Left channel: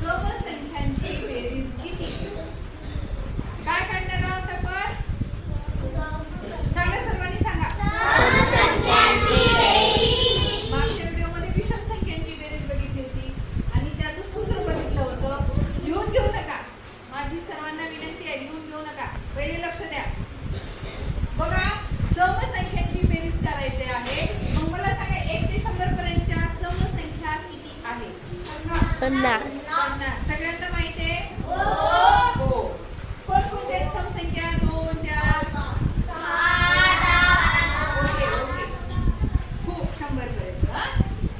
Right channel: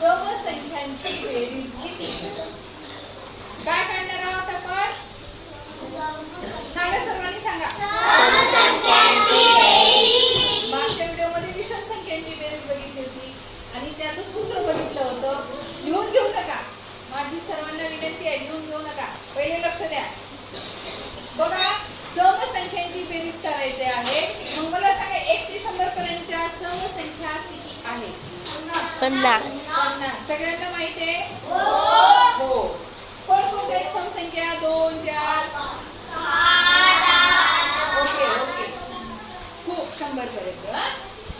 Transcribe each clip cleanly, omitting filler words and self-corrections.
समसंख्यांची बेरीज किती? काय काढणार आहोत आपण? सांगा, सर्वांनी सांगा. समसंख्यांची बेरीज. मागच्या व्हिडिओमध्ये विषम संख्यांची बेरीज बघितली होती आणि त्याचं सूत्र बघितलं होतं. लिहून घेऊ नका, माझी सर्वांना विनंती आहे, लिहून घेऊ नका. पहिले लक्ष द्या. बघा, समसंख्यांची बेरीज करायची आहे. मग मला सांगा, 1 ते 100 पर्यंतच्या समसंख्या किती आहेत? 50. सगळ्यांना माहिती आहे? हो. कोणकोणत्या आहेत समसंख्या? 2, 4, 6, ओके. खूप 100 पर्यंत.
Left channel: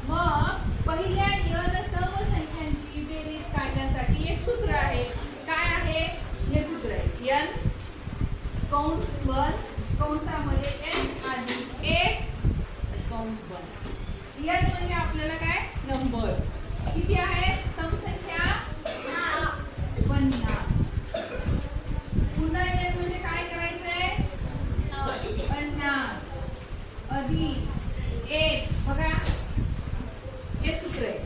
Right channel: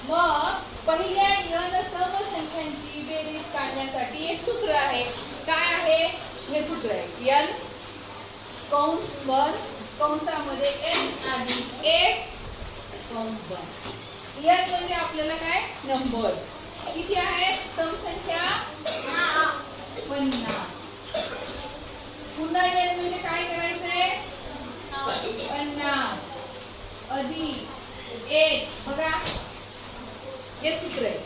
मग पहिल्या n समसंख्यांची बेरीज काढण्यासाठी एक सूत्र आहे. काय आहे हे सूत्र? आहे n कंस बंद कंसामध्ये n आणि 1 कंस बंद. n म्हणजे आपल्याला काय? नंबर्स. किती आहेत समसंख्या? 50. पुन्हा n म्हणजे काय करायचंय? 50 अधिक 1. बघा, हे सूत्र आहे.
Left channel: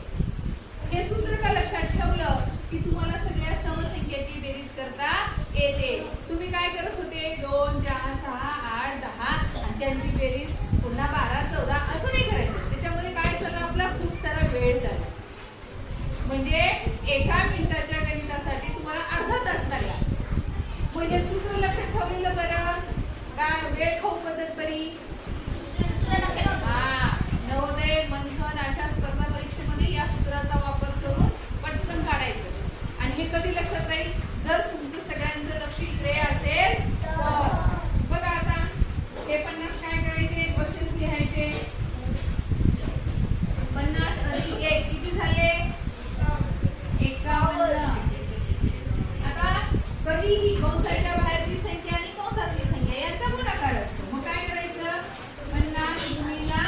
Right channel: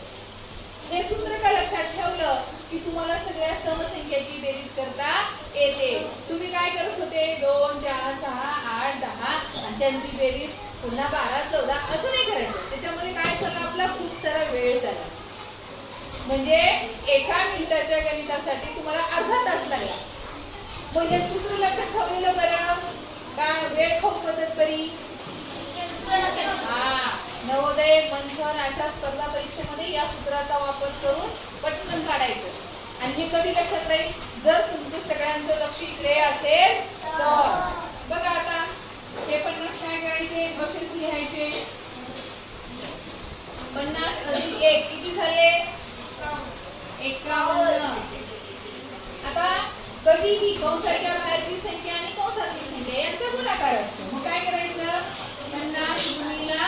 हे सूत्र का लक्षात ठेवलं की तुम्हाला सगळ्या समसंख्याची बेरीज करता येते. तुम्ही काय करत होते? 2, 4, 6, 8, 10 आणि त्यांची बेरीज पुन्हा 12, 14 असं नाही करायचं. त्याच्यामध्ये काय झालं? आपला खूप सारा वेळ झाला. म्हणजे एका मिनिटाच्या गणितासाठी तुम्हाला अर्धा तास लागला. म्हणजे सूत्र लक्षात ठेवलेलं बरं का वेळ खाऊ मदत करी? नवोदय, मंथन अशा स्पर्धा परीक्षेमध्ये या सूत्राचा वापर करून पटकन काढायचं. आणि हे कधी लक्षात राहील? जर तुमचं सगळ्यांचं लक्ष इकडे असेल तर. बघा आता हे 50 काय करायचे? असेच लिहायचे. 50 अधिक 1 किती झाले? 51. आता कधीही कंसाच्या बाहेरची संख्या आणि कंसातली संख्या यांचा गुणाकार असतो. मग काय करायचं? 50 गुणिला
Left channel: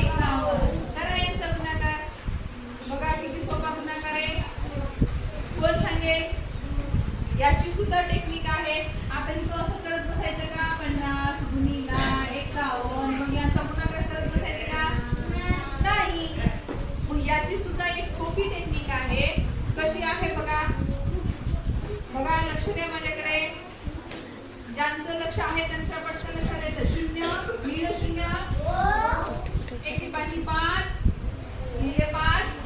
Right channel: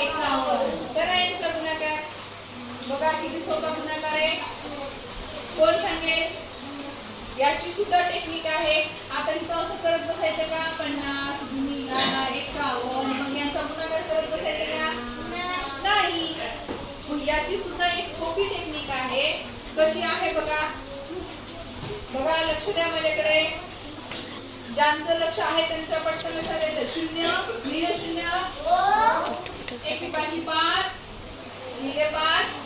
51. तर यांचा गुणाकार बघा किती सोपा गुणाकार आहे. कोण सांगेल? याची सुद्धा टेक्निक आहे. आता इथं असं करत बसायचं का? 50 गुणिला 51 मग यांचा गुणाकार करत बसायचं का? नाही. मग याची सुद्धा एक सोपी टेक्निक आहे. कशी आहे बघा. बघा, लक्ष द्या माझ्याकडे. ज्यांचं लक्ष आहे त्यांचं पटकन लक्षात येतं. 0 लिहिले 0, 1 5 लिहिले 5